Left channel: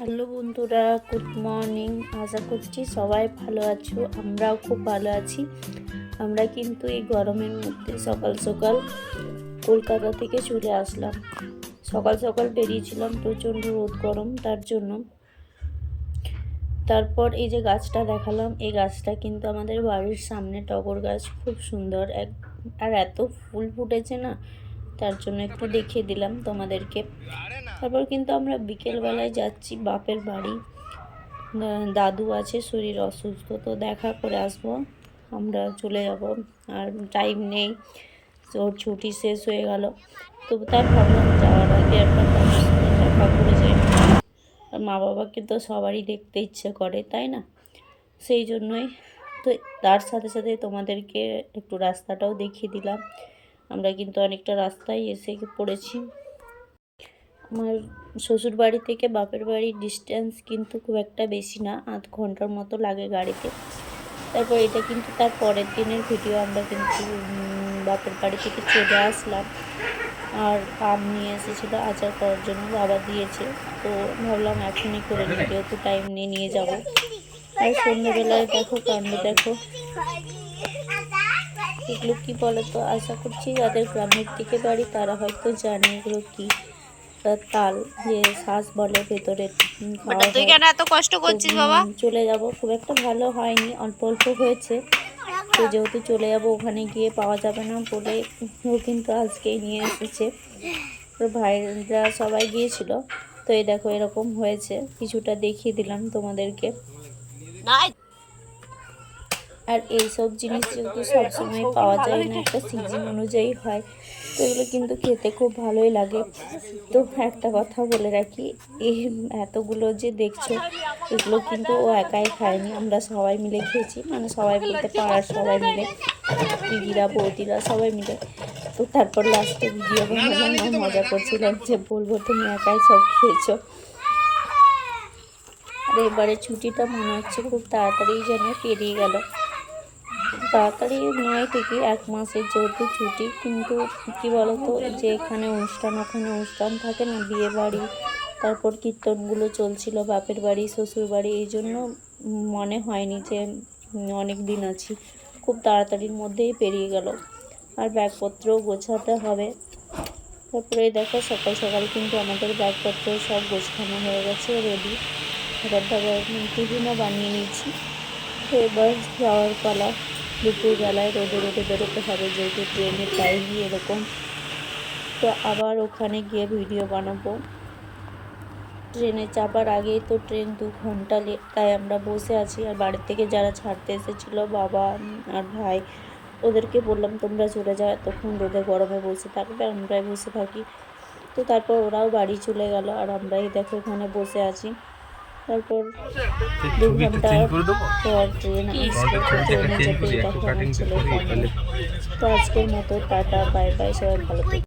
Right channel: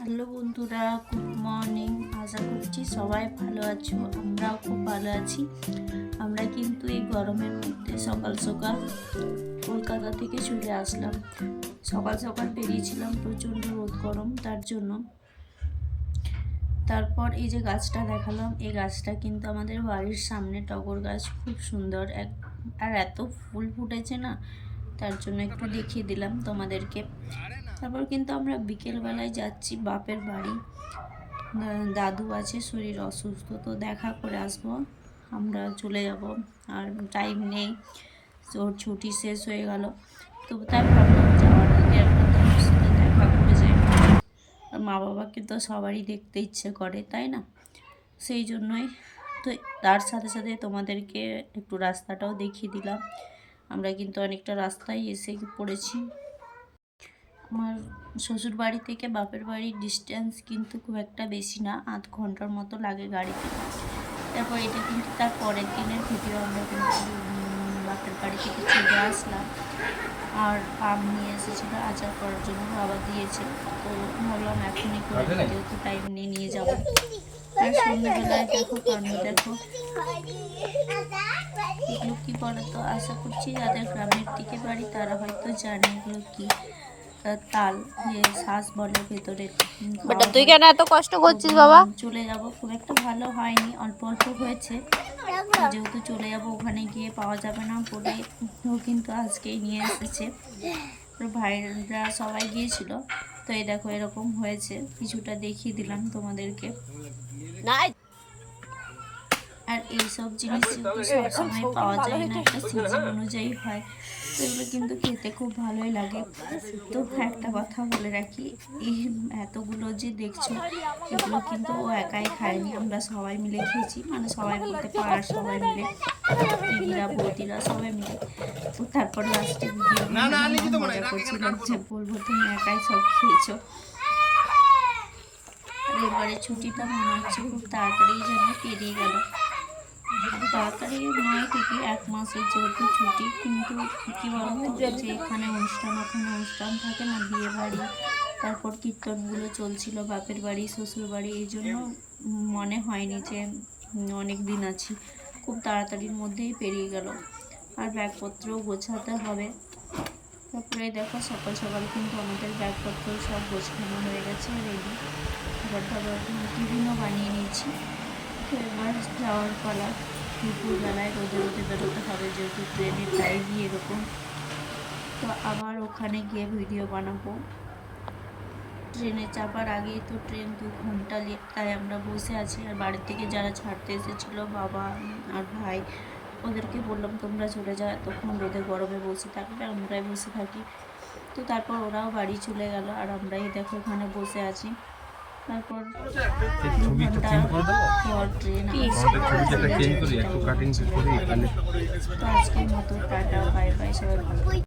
Hello বন্ধুরা, good morning. আশা করছি সবাই ভালো আছো, আমরাও খুব ভালো আছি। আমরা কিন্তু এই গরমের মধ্যে সকাল সকাল কলকাতা থেকে চলে আসলাম। সকাল সকাল বেরিয়েছিলাম, প্রচণ্ড রোদ গরম, তার জন্য। তারপর এই যে গাছটা দেখালাম, এই গাছটা কিন্তু আমাদের বাড়ির সামনে টগর গাছ, খুব সুন্দর আর এত ফুল ফুটেছে না, তার জন্য একটু দেখিয়ে দিলাম তোমাদেরকে। তারপর কিন্তু আমরা বিকেলবেলায় যাচ্ছি বাপের বাড়ি। দাদু আছে, শরীর অসুস্থ, তো দেখা করে আসবো। আমরা চলে যাব, আর টাইম নেই, ওর ছুটি শেষ হয়ে গেল। তো তাই ভাবলাম যাওয়ার আগে একবার দাদুর সাথে দেখা করে যাই। আর মা বাবাকে তো সবারই দেখতে ইচ্ছে করে, তাই না? সেই জন্যই তো তার সাথে সাথে তোমাদেরকে একটু রাস্তাটাও দেখিয়ে দিলাম। আমরা কিন্তু অনেকটা রাস্তায় এসে পড়েছি। আমার শ্বশুর বাড়ি থেকে বাপের বাড়ির ডিস্টেন্স কিন্তু খুব একটা বেশি না, আধ ঘন্টার মতো লাগে গাড়িতে। তারপর এটা কিন্তু তার পরের দিনের ভিডিও। আমরা কিন্তু বাপের বাড়ি থেকে চলে আসলাম, আর আম নিয়ে এসেছিলো আচার করার জন্য, বাবা দিয়েছে। তো ভাবলাম এখনই করে নিই, যেহেতু টাইম নিয়ে যাব। আর সন্ধ্যেবেলায় দেখো কাণ্ড, দেখো এগুলো কি বলো তো? আশা করছি যাদের গ্রামের দিকে বাড়ি তারা হয়তো জানে এগুলো কি। তাল, যে শ্বাস বলে ভেতরের, তুই কেন এত কষ্ট করছিস বাবা? চলে যাব, খুব একটা ভালো হয়নি, অল্প অল্প হয়েছে। তো যেহেতু চলে যাব, ওখানে গিয়ে পাওয়া যাবে না বলে ও কিন্তু আজকেই নিয়ে এসেছে। ওর ভাইরা সবাই গিয়েছিল। তো এই দেখো এরকম হয়েছে, কিছুটা দেখিয়ে দিলাম তোমাদেরকে। আর এইসব জিনিস যেহেতু সবসময় পাওয়া যায় না, একটা সিজন অনুযায়ী হয়, তো এগুলো কিন্তু খেতে খুব ভালোই লাগে। তো একটা কথা বলে রাখি, এই এতগুলো যে দেখছো, এগুলো কিন্তু ও একাই খায়নি, আমরা সবাই মিলে খেয়েছি। মানে সবাই বলতে পাড়ার সবাই মিলে, দিদিরা বৌদিরা সবাই মিলে। তো তারপর লাস্টে ভিডিও বানালাম, মজা করছিলাম যে বলবো তুমি একাই সব খেয়েছো। আর এবারে ছুটিটা মনে হচ্ছে খুব তাড়াতাড়ি যেন পেরিয়ে গেল। তাড়াতাড়ি নয় ঠিকই, 1 মাসের যেহেতু ছুটি, কিন্তু কি বলতো, যে এখানে অনুষ্ঠান ওখানে অনুষ্ঠান থাকে না, বিয়ে বাড়ি, তারপর কীর্তনগুলো চলছিল বাপের বাড়ি শ্বশুর বাড়ি, এই জন্য মনে হয়নি যে অনেক দিন আছি। খুব তাড়াতাড়ির মধ্যেই পেরিয়ে গেল। আর ব্যাগপত্রও গোছাতে হবে। তারপরে দেখো সকাল সকাল কিন্তু আমাদের ব্যাগপত্র সব গোছানো হয়ে গেছে, রেডি। খাবার দাবার টিফিনও বানিয়ে নিয়েছি। তো এবার যাওয়ার পালা। দুপুরবেলায় রোদে রোদে বেরোতে হবে, যেহেতু ট্রেনের টাইমই এরকম। তো আবার ওখানে গিয়ে ভিডিও বানাবো। ট্রেনে চাপার আগেই তো ট্রেন 2 ঘন্টা লেট, তাই আমরা বসে আছি। আর বাড়ি থেকে যারা ছাড়তে এসেছিলো, বাবা আর ভাই, ওদেরকে বললাম তোমরা চলে যাও, তখন রোদে গরমে বসে থাকবে, আমরাই বসে থাকি। তো তারপর ওরাও বাড়ি চলে গেল, আর আমরাই দেখো এখানে বসে আছি। তারপর 2 ঘন্টা পর ট্রেন আসবে, ট্রেনে চেপেই দেখো আমার ছেলের ফ্যামিলি। তো আজকের মতো টাটা, বাই বাই, সবাই ভালো থাকবে।